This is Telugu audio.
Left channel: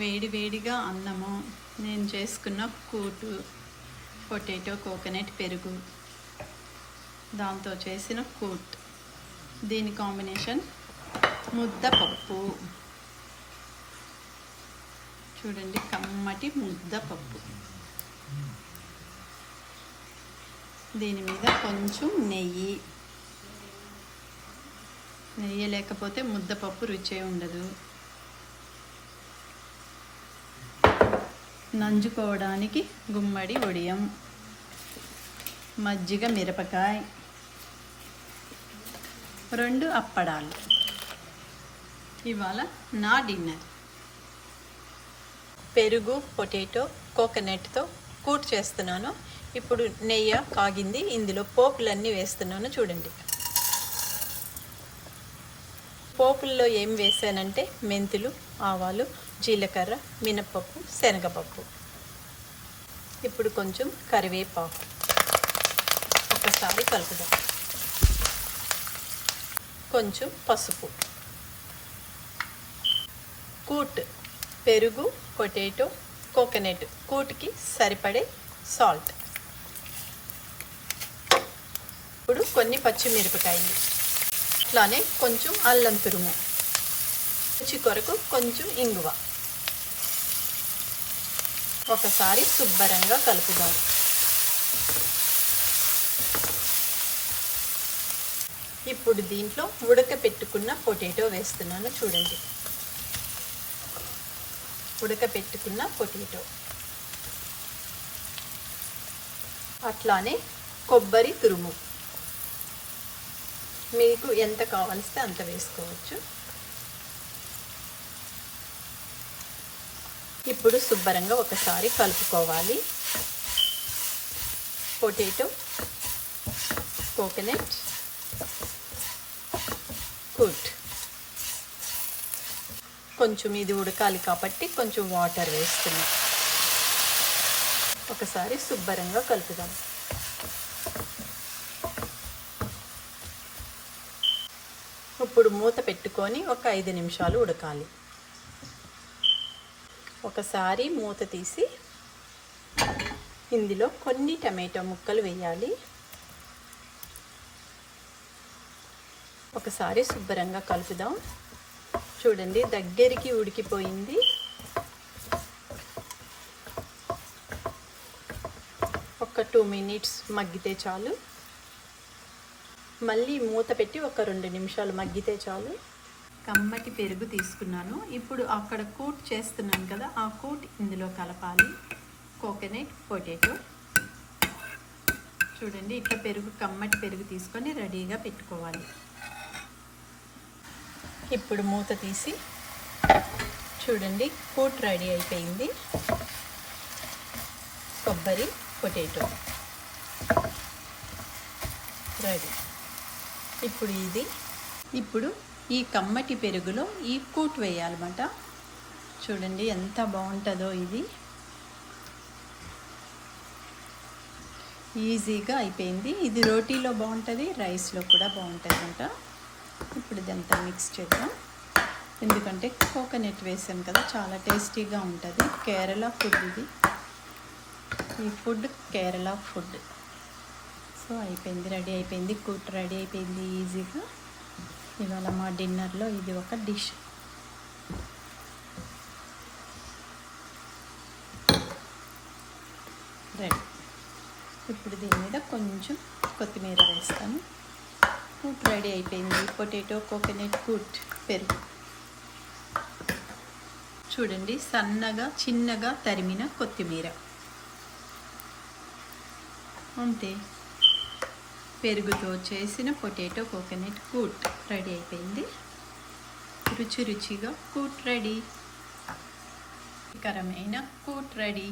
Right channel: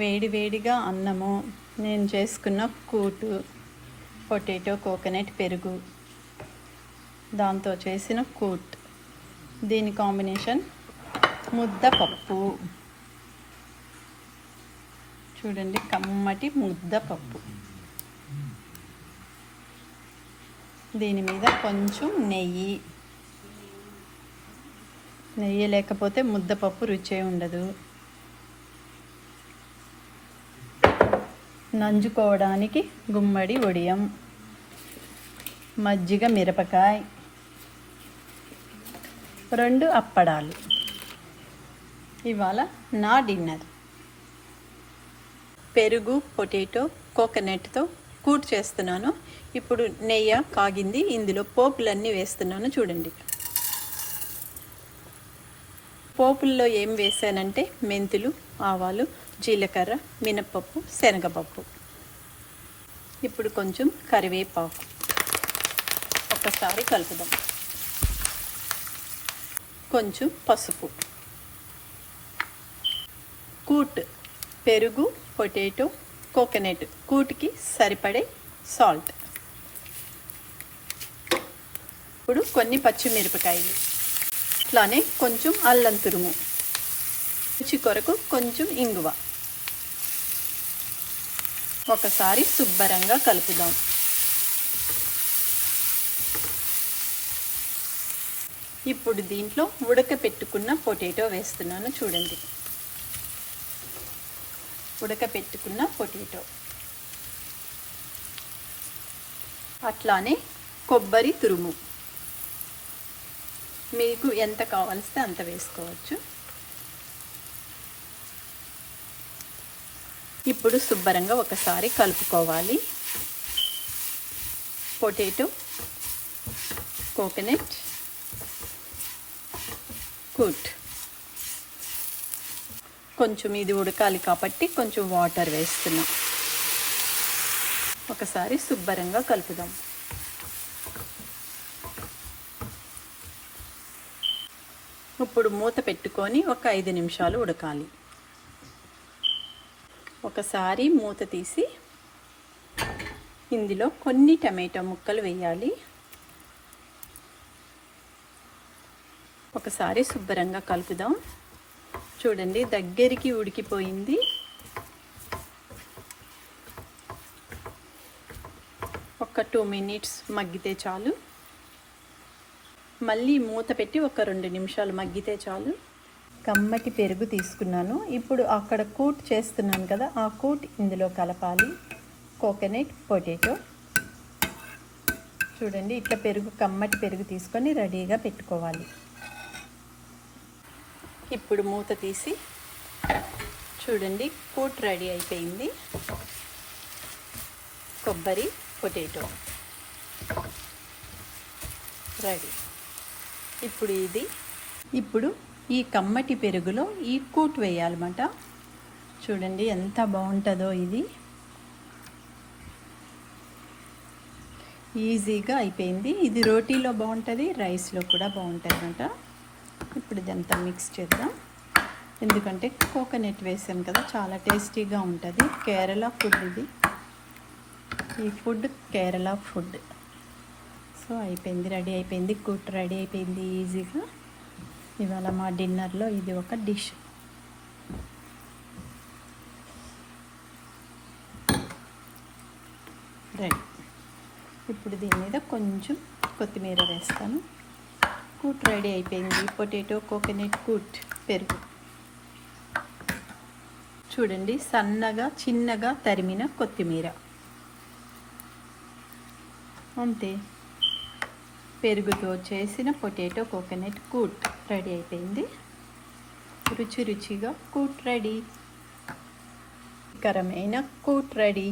వేడి వేడిగా అన్నము, నేను చేసుకున్న కూటు, పొటాటో కోకోనట్ పెరుగు, దాంతో చేసిన కూట్. దీని కాంబినేషన్ ముద్దపప్పు. చూడండి, కమ్మటి ముద్దపప్పు. దీని మీద కొంచెం నెయ్యి లేకపోతే ముద్దపప్పు రుచే ఉండదు. నంజుకోవడానికి గుమ్మడి వడియం, మజ్జిగ మిరపకాయ, 2 అప్పడాలు. ఇవాళ నా డిన్నర్. పెరుగు, పొటాటో, కోకోనట్తో కూట్ చేస్తున్నాను. ఇప్పుడు నెయ్యి కాగింది, ఇందులో పోపులన్నీ వేస్తున్నాను. చూడండి, పోపుల్లో ఏం వేసానంటే మెంతులు, ఆవాలు, జీలకర్ర, మినపప్పు, శనగపప్పు. ఇప్పుడు కొంచెం కరివేపాకు. ఒకసారి కలుపుదాం. కొంచెం పసుపు. కూట్, పెరుగు, పొటాటో, కోకోనట్ కూట్కి సరిపడే సాల్ట్. ఇప్పుడు కొన్ని పచ్చిమిరపకాయలు, అట్లానే కొంచెం అల్లం తురుము, రుచి కొరకు కొంచెం ఇంగువ. ఒకసారి శుభ్రంగా కలుపుదాం. ఇప్పుడు దీంట్లో ఉడకపెట్టుకున్న పొటాటో వేస్తున్నాను. చూడండి, ఉడకపెట్టుకున్న పొటాటో, అట్లానే కొబ్బరి తురుము. మీకు ఎంత కావాల్సితే అంత వేసుకోవచ్చు. ఇప్పుడు శుభ్రంగా ఒకసారి కలుపుకోవాలి. పొటాటో, కోకోనట్ కూట్. కొంచెం ఇది ఉడకాలి కాబట్టి కొంచెం వాటర్ వేస్తున్నాం. ఒకసారి శుభ్రంగా కలుపుదాం. ఇప్పుడు మూత పెట్టుకొని ఒక 5 నిమిషాలు ఉడకాలి. ఒకసారి మూత తీసి ఇందులో కొన్ని టమాటా ముక్కలు వేయాలి. ఒకసారి శుభ్రంగా కలుపుదాం. చూడండి, దగ్గరికి ఉడికిపోయింది. ఒక 2 మినిట్స్ మగ్గితే చాలు. మళ్ళీ మూత పెట్టి ఒక 2 నిమిషాలు మగ్గితే చాలు. కమ్మటి పెరుగు తీసుకున్నాను. ఇప్పుడు అక్కడ కూట్ చేస్తున్నాను కదా, ఆ కూట్ ఇందులో కలపాలి. Coconut, potato. చూడండి, ఇట్లా పెరుగు, కమ్మటి పెరుగు తీసుకొని రెడీగా పెట్టుకోవాలి. ఇప్పుడు మూత తీసి చూడండి, కూట్ రెడీ అయిపోయింది. కొబ్బరి, పొటాటో రెడీ. ఇప్పుడు ఈ కమ్మటి పెరుగులో ఈ కూట్ వేయాలన్నమాట. చూడండి ఎంత బాగుంటుందో. ఇది ఈజీగా అయిపోయింది. ఇది రోటీలో బాగుంటుంది, రైస్లో కూడా బాగుంటుంది అన్నమాట. ఇప్పుడు ఇదంతా మిక్స్ చేద్దాం. ఎందుకంటే కోకోనట్ వేసాం కదా, చాలా టేస్టీగా ఉంటుంది. కేరళ ఫుడ్ ఇది. ఈ ఫుడ్ కేరళ ఫుడ్. సో అయిపోయింది, రెడీ అయిపోయింది. కూట్ రెడీ అయిపోయింది ఈజీగా. ఇవాళ మా డిన్నర్లో ఇది ఒక డిష్. రెడీ. ఇప్పుడు దీని మీద కొంచెం కొత్తిమీర వేస్తాను. కూట్ రెడీ అయిపోయింది. పొటాటో కోకోనట్ కూట్ పెరుగు. చూడండి, సన్నగా చిన్నగా తరిమిన కొత్తిమీర. అంతే, పెరుగుతో చేసిన పొటాటో కోకోనట్ కూట్ రెడీ అయిపోయింది. రుచి రుచిగా కూట్ రెడీ. రుచికరమైన కూట్ రెడీ.